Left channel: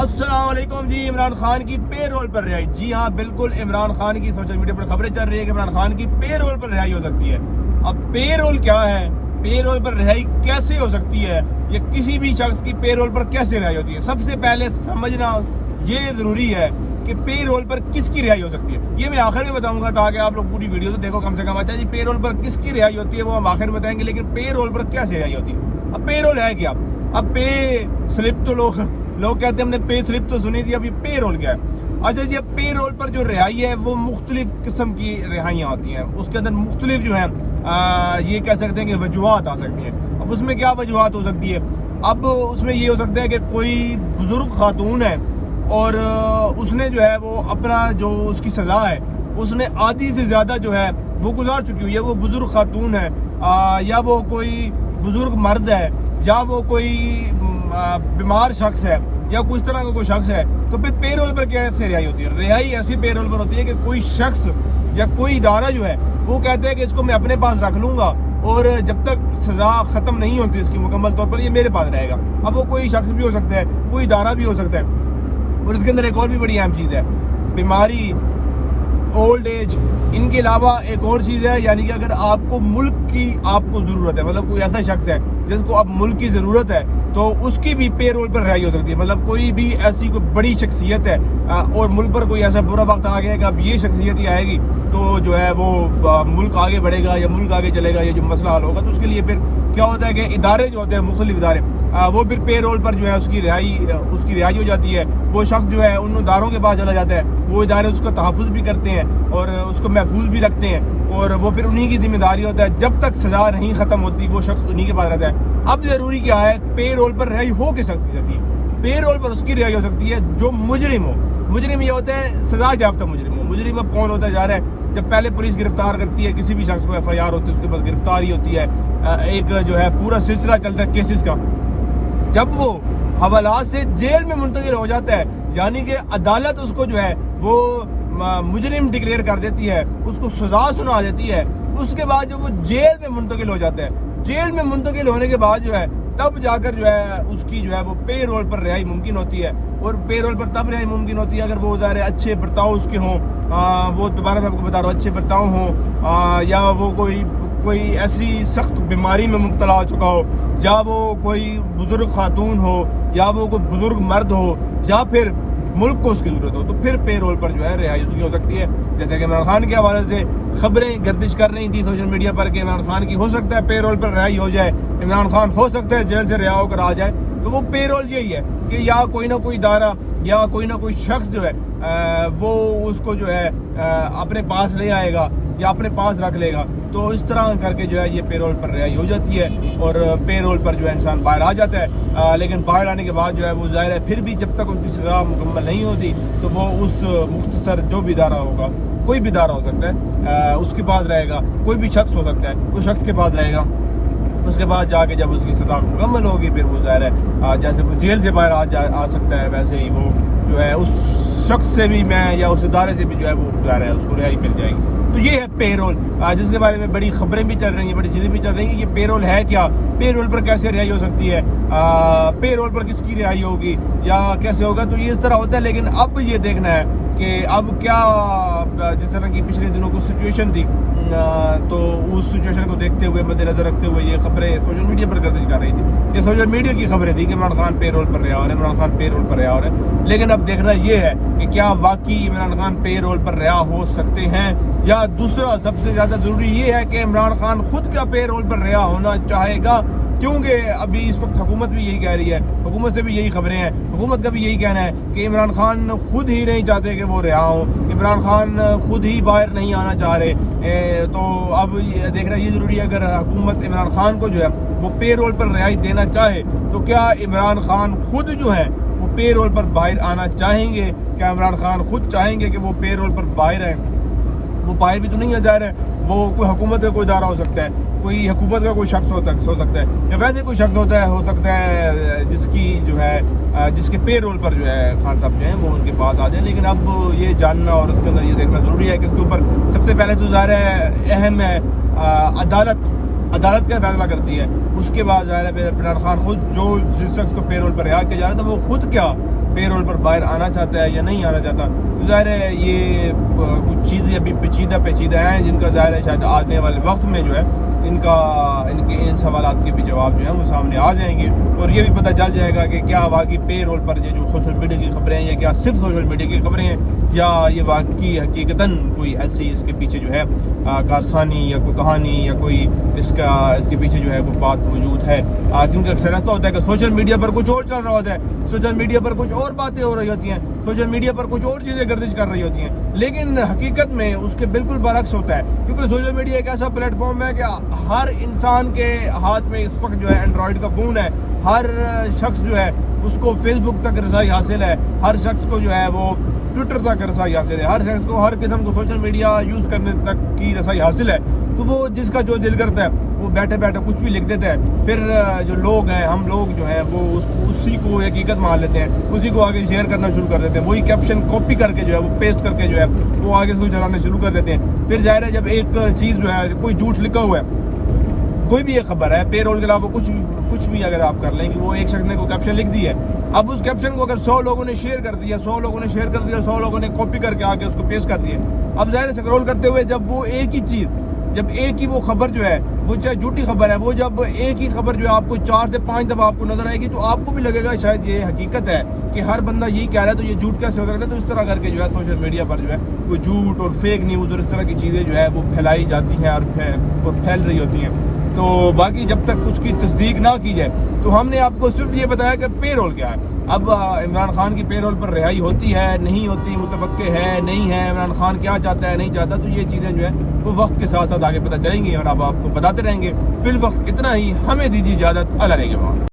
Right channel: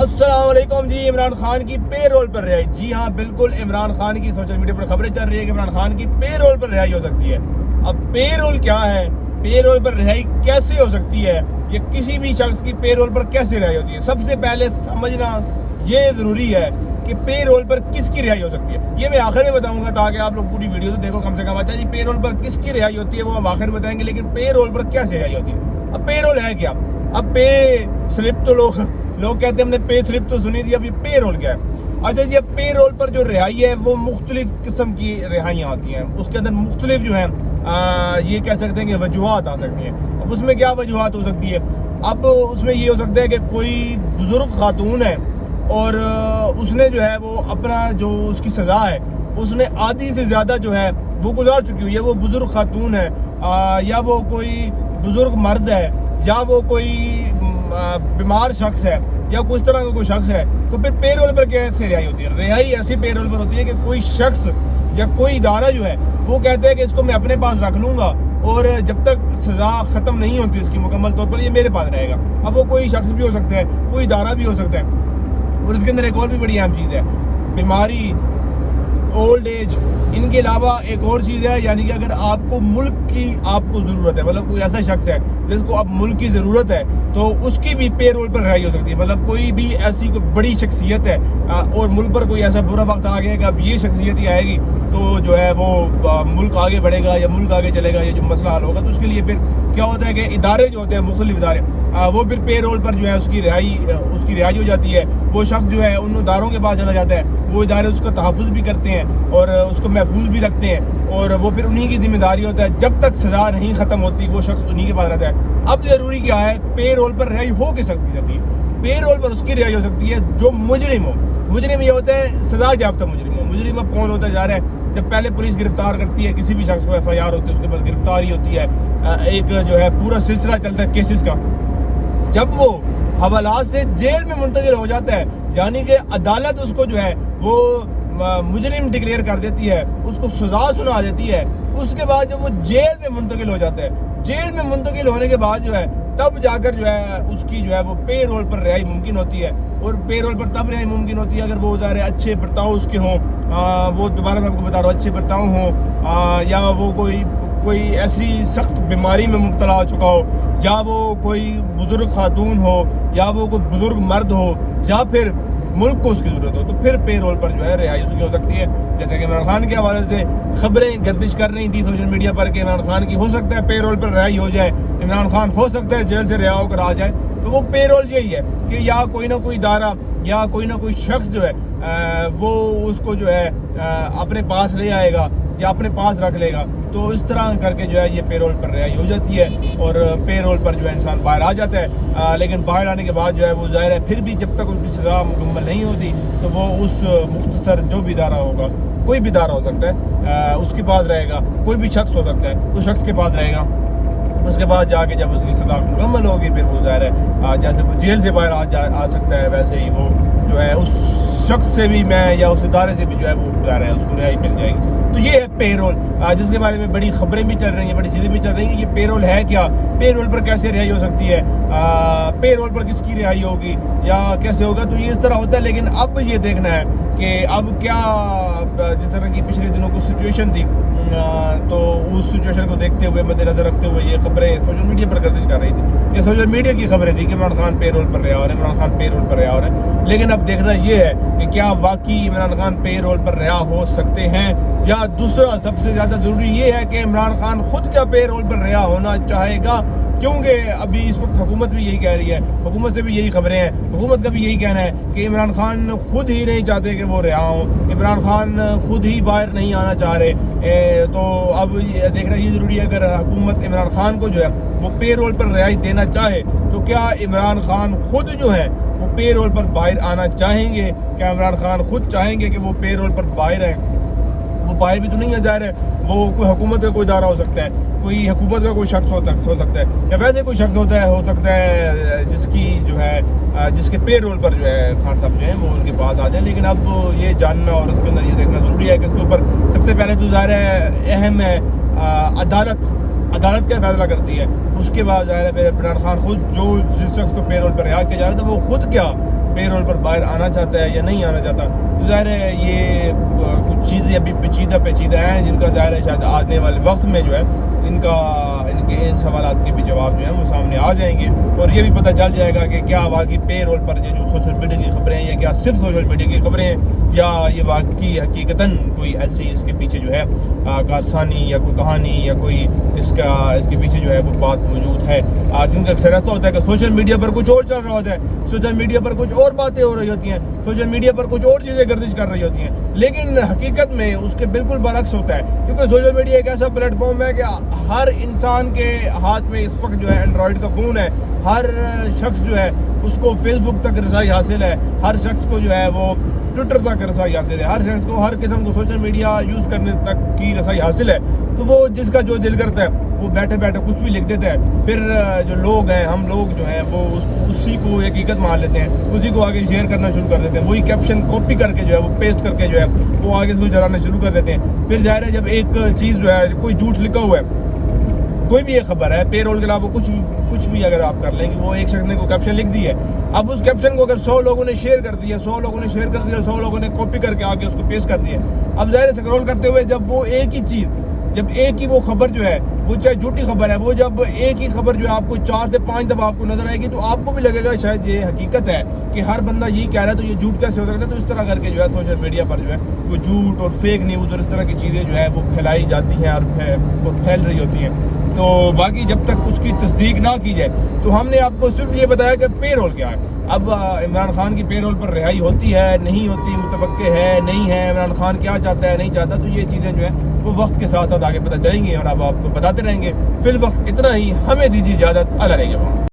السلام علیکم جی. عمران خان کی پے رول پر رہائی. جی ہاں بالکل, عمران خان کی سوشل میڈیا پر خبریں چل رہی ہے کہ عمران خان کی پے رول پر رہائی ہو سکتی ہے. اب پے رول کیا ہے, پے رول پر رہائی کیسے ہو سکتی ہے, یہ کسی بھی شخص کی پے رول پر کیسے رہائی ہوتی ہے. سب سے پہلے سمجھنا یہ ضروری ہے کہ پے رول پر کس کی رہائی ہو سکتی ہے. یہ میں آخر میں بتاؤں گا تاکہ آپ لوگ پوری ویڈیو تو دیکھو کم سے کم. اچھا جی, پے رول پر کس کی رہائی ہوتی ہے وہ ہم آخر میں بتائیں گے, لیکن پے رول پر کیسے رہائی ہوتی ہے. اب پے رول ہے کیا؟ اب پے سلپ تو لوگ کہتے ہیں ہم نے پے سلپ تو سنی تھی, اب یہ پے رول کیا ہے. اچھا جی, اب پے رول پر جو رہائی ہے وہ مختلف قسم کی رہائیاں ہوتی ہیں. اس کے اندر مختلف جو ہیں یہ کہہ سکتے ہیں کہ وجوہات آ سکتی ہیں. اب اس میں کیا وجوہات ہو سکتی ہے؟ اب اس میں یہ ہو سکتا ہے کہ کوئی بزرگ خاتون ہے اور اس نے جو ہے وہ اپنا جو اس کی سزا ہے اس نے آدھی سے زیادہ جو ہے وہ گزار چکی ہوئی ہے. وہ بزرگ خاتون ہے یا وہ کوئی بزرگ مرد ہے یا وہ کوئی بیمار شخص ہے یا کچھ طرح کا کوئی شخص ہے, تو پھر پے رول پر کیسے رہائی ہوتی ہے؟ رہائی ایسی پے رول پر ہوتی ہے کہ کوئی شخص یا کوئی ادارہ جو ہے وہ کہتے ہیں کہ اس کو میں اپنے پاس رکھ لوں گا اور جب تک سزا ختم نہیں ہوتی اس کی مکمل طور پر یہ میرے پاس رہے گا. اب وہ کوئی شخص بھی ہو سکتا ہے, کوئی ادارہ بھی ہو سکتا ہے. اور اس کے اندر ایک اور بھی بڑی اہم چیز ہے, بیماری, اولڈ ایج. ان کے علاوہ ایک اور چیز ہے, یعنی کہ اگر آپ کو ملک کی آپ کو ضرورت ہے, مطلب کوئی ایسا شخص ہے جس کو اب ملک کی ضرورت ہے, تو اس کی بھی پے رول پر رہائی ہو سکتی ہے. مطلب کوئی بھی ایسی کوئی بڑی شخصیت ہے اور ملک پر کوئی ایسا برا وقت آ گیا کہ اب یہ شخصیت ہی آئے گی تو جو ہے وہ ملک آگے بڑھے گا یا ملک آگے چلے گا, یہ جو مسئلہ حل ہوگا. تو اس کے لیے پھر کیا ہوتا ہے کہ ادارے جو ہوتے ہیں, مختلف ادارے, وہ پھر پے رول پر جو ہے اس کی رہائی ہو جاتی ہے. وہ شخص جو ہے ان اداروں کے پاس چلا جاتا ہے, وہ ادارے اس کا تحفظ بھی کرتے ہیں اور اس کو محفوظ بھی رکھتے ہیں, اور وہ پھر انہی کی ذمہ داری ہوتا ہے جب تک سزا نہیں ختم ہوتی وہ شخص انہی کے پاس رہتا ہے. اب ضروری کیا ہے, پے رول پر رہائی ہو کس شخص کی سکتی ہے؟ پے رول پر اس کی رہائی ہو سکتی ہے جو مجرم ہو. مجرم یہ ہوتا ہے سزا یافتہ مجرم ہو. مجرم اب کون ہوتا جا رہا ہے؟ جب پہلے پولیس گرفتار کرتی ہے کسی بھی شخص کو, ایف آئی آر ہوتی ہے, اس کے بعد گرفتاری ہوتی ہے, ایک جو ہے پورا سلسلہ چلتا ہے کیسز کا. جب وہ حوالات سے جیل میں منتقل ہو جاتا ہے, یعنی کہ عدالت اس کو جو ہے وہ مجرم ڈکلیئر کر دیتی ہے, اس کو سزا سنا دیتی ہے, اس کے بعد جب وہ جیل میں منتقل ہو جاتا ہے, جیل میں منتقل ہونے کے بعد جو ہے تب جا کر جو ہے اس کی جو ہے وہ پے رول پر رہائی ممکن ہوتی ہے. اور پے رول پر تب رہائی ممکن ہوتی ہے اگر وہ ظاہر اچھے برتاؤ اس کے ہوں, وہ دوبارہ میں آپ کو بتا رہا ہوں اچھے برتاؤ ہوں, یا وہ کوئی ایسی سخت بیماری میں مبتلا ہو چکا ہو, یا وہ کوئی بزرگ خاتون ہو, یا وہ کوئی بزرگ مرد ہو, یا پھر ملک کو اس کی ضرورت ہو, تو پھر پے رول پر جو ہے رہائی اس کی ہو سکتی ہے. جیسے کہ عمران خان کے حوالے سے خبریں گردش کر رہی تھی سوشل میڈیا پر کہ عمران خان کی ہو سکتا ہے پے رول پر رہائی ہو جائے, عمران خان ہو سکتا ہے جیل سے رہا ہو کر آ جائے. تو وہ پے رول یہی ہے کہ یا کوئی نہ کوئی ادارہ یا کوئی نہ کوئی شخص جو ہے وہ اس کو جو ہے اپنے پاس لے آئے گا یا اپنے پاس رکھ لے گا. تو اس طرح کر کے جو ہے یہ پے رول پر رہائی ہو جاتی ہے اور پے رول پر جو ہے انسان باہر آ جاتا ہے. لیکن باہر آنے کے بعد جو ہے وہ ظاہر ہے پھر بھی جب تک اس کی سزا مکمل نہیں ہوتی تو وہ اس مختصر جو بھی ادارہ ہوگا, کوئی بھی ادارہ ہو سکتا ہے, اس کے پاس رہے گا. کوئی بھی شخص ہو سکتا ہے, اس شخص کے پاس رہے گا. اس کے بعد جا کے جب اس کی سزا مکمل ہوگی پھر وہ ظاہر ہے جیسے وہ جیل سے باہر آ سکتا ہے, ویسے ہی وہ جو ہے اس شخص سے بھی میں یا اس ادارے سے بھی جو ہے وہ ظاہر ہے اس کو رہائی مل جائے گی. تو یہ ہے پے رول, جس کے بارے میں بڑی خبریں بھی چل رہی ہیں, بڑی چیزیں بھی چل رہی ہیں کہ یہ پے رول ہے کیا, پے رول پر کیسے رہائی ہو سکتی ہے, پے رول پر کس کی رہائی ہوگی یا کیسے ہوگا. تو یہ اس طرح ہوتا ہے. لیکن اب یہ دیکھنا ہے کہ اب کیا, جس طرح کی پچھلے دنوں کو سچویشن تھی, تو اس سچویشن کو دیکھتے ہوئے مد نظر رکھتے ہوئے یہ خبریں سوشل میڈیا پر گردش کر رہی تھی. یہ سوشل میڈیا کی خبریں تھی کہ عمران خان پے رول پر رہا اور عمران خان پے رول پر رہا اور ہے. لیکن اب دیکھنا یہ ہے کہ کیا واقعی عمران خان پے رول پر رہا ہو سکتے ہیں, یا دوسرا سب سے زیادہ ضروری یہ ہے کہ عمران خان خود کا پے رول پر رہا ہونا چاہے گا. کیونکہ ابھی اس وقت حکومت بھی یہی کہہ رہی ہے, حکومت سے بھی یہی خبریں ہیں, حکومت کا بھی یہی کہنا ہے کہ عمران خان خود ہی نہیں چاہتے کہ وہ رہا ہوں, عمران خان خود ہی باہر نہیں آنا چاہ رہے. تو اب دیکھنا یہ ضروری ہے اگر حکومت عمران خان کو جو ہے وہ پے رول پر رہائی دینا چاہے تو کیا عمران خان خود جو ہے وہ پے رول پر باہر آنا چاہیں گے؟ کیا عمران خان خود چاہیں گے کہ وہ پے رول پر باہر آئیں؟ وہ باہر بھی تو نہیں آ جا رہے, وہ کوئی حکومت کا کوئی ادارہ ہو سکتا ہے, کوئی حکومت کا کوئی شخص ہو سکتا ہے, یا ویسے کوئی شخص ہو سکتا ہے جس کی جو ہے جس کے پے رول پر جو ہے خان صاحب جو ہیں وہ ان کے پاس آ جائیں. لیکن اب یہ جاننا اور اس کے اندر یہ دیکھنا ضروری ہے کہ اس کے اوپر سب سے پہلے تو ظاہر ہے اہم ہے عدالت کا فیصلہ کرتی ہے. اس کے بعد ظاہر ہے عمران خان خود جو جس شخص کو پے رول پر رہا کیا جا رہا تھا وہ خود کیا پے رول پر باہر آنا چاہتا ہے یا نہیں آنا چاہتا. تو ظاہر ہے یہ کچھ چیزیں ابھی پیچیدہ ہیں جن کا ظاہر ہے شاید آنے والے وقت میں جو ہے ان سوالات کے بھی جواب جو ہیں وہ سامنے آ جائیں گے, اور یہ بھی پتہ چل جائے گا کہ کیا واقعی پے رول پر جو سوشل میڈیا کی خبریں ہیں یہ کیا صرف سوشل میڈیا کی خبریں ہیں, یا یہ واقعی حقیقتاً کوئی ایسی اس کے پیچھے جو ہے کارسانی یا کوئی کہانی یا کوئی اس کے پیچھے جو ہے کوئی بات موجود ہے. کیونکہ اکثر ایسا ہوتا ہے کہ سوشل میڈیا پر کچھ اور چل رہا ہوتا ہے, سوشل میڈیا پر کچھ اور باتیں ہو رہی ہوتی ہیں, سوشل میڈیا پر کچھ اور چیزیں گردش کر رہی ہوتی ہیں, لیکن حقیقت میں اس کے بالکل برعکس ہوتا ہے. کیونکہ سوشل میڈیا ایک ایسا پلیٹ فارم ہے کہ ہر انسان کے ہاتھ میں اس وقت جو ہے اینڈرائڈ کا فون ہے, ہر شخص جو ہے اس کو فیس بک تک رسائی حاصل ہے, ہر شخص کو جو ہے وہ ٹویٹر تک رسائی حاصل ہے, ہر شخص کو ہر قسم کو سوشل میڈیا یوز کرنے تک کی رسائی حاصل ہے. تو وہ جس کا جو دل کرتا ہے وہ بیٹھے کچھ بھی لکھ دیتا ہے, پھر جو لوگ ہیں ہم لوگ جو ہیں وہ اسی کو حقیقت مان لیتے ہیں, اسی کو آگے شیئر کرنا شروع کر دیتے ہیں, وہی کیپشن کاپی کر کے جو ہے وہ پیسٹ کر کے جو ہے وہ آگے سے چلانا شروع کر دیتے ہیں. پھر ظاہر ہے جب ایک چیز جو ہے کوئی جھوٹ لکھا ہوا ہے, کوئی بھی ایک خبر ہے پے رول کے علاوہ کچھ بھی اگر آپ کر لیں گے, وہ ایک شخص نے کوئی کیپشن لکھ دی ہے, اب اس کیپشن کو اگر 100 لوگوں نے شیئر کر دیا, 100 لوگوں نے کاپی کر کے آگے اس کو پیسٹ کر دیا, اب ظاہر سکرول کرتے ہوئے جب وہ ایک ہی چیز, جب ایک ہی وہ خبر جو ہے وہ چاہے جھوٹی خبر ہے, وہ جب ایک ہی خبر جو ہے آپ کو 4 سے 5 دفعہ آپ کو نظر آئے گی تو آپ کو بھی لگے گا شاید یہ حقیقت ہے کہ ہر بندہ یہی کہہ رہا ہے تو یہ جھوٹ کیسے ہو سکتا ہے. تو اس طرح کر کے جو ہے سوشل میڈیا پر جو ہے وہ جھوٹ اور فیک نیوز اور اس طرح کی چیزیں جو ہے وہ پھیلائی جاتی ہیں اور پھیل رہی ہوتی ہیں. تو باقی جب تک اس کی تصدیق نہ کی جائے تو ہم نے آپ کو صرف یہ بتایا کہ پے رول کیا ہے. اب عمران خان کی پے رول پر رہائی ہوتی ہے نہیں ہوتی, متوقع ہے نہیں ہے, عمران خان کیا چاہتا ہے نہیں چاہتا, تو یہ چیزیں جو ہیں وہ وقت کے ساتھ آگے پتہ چلیں گی اور اب آپ کو بتاتے رہیں گے. فی الوقت اتنا ہی, ہمیں دیجیے اجازت, اللہ نگہبان.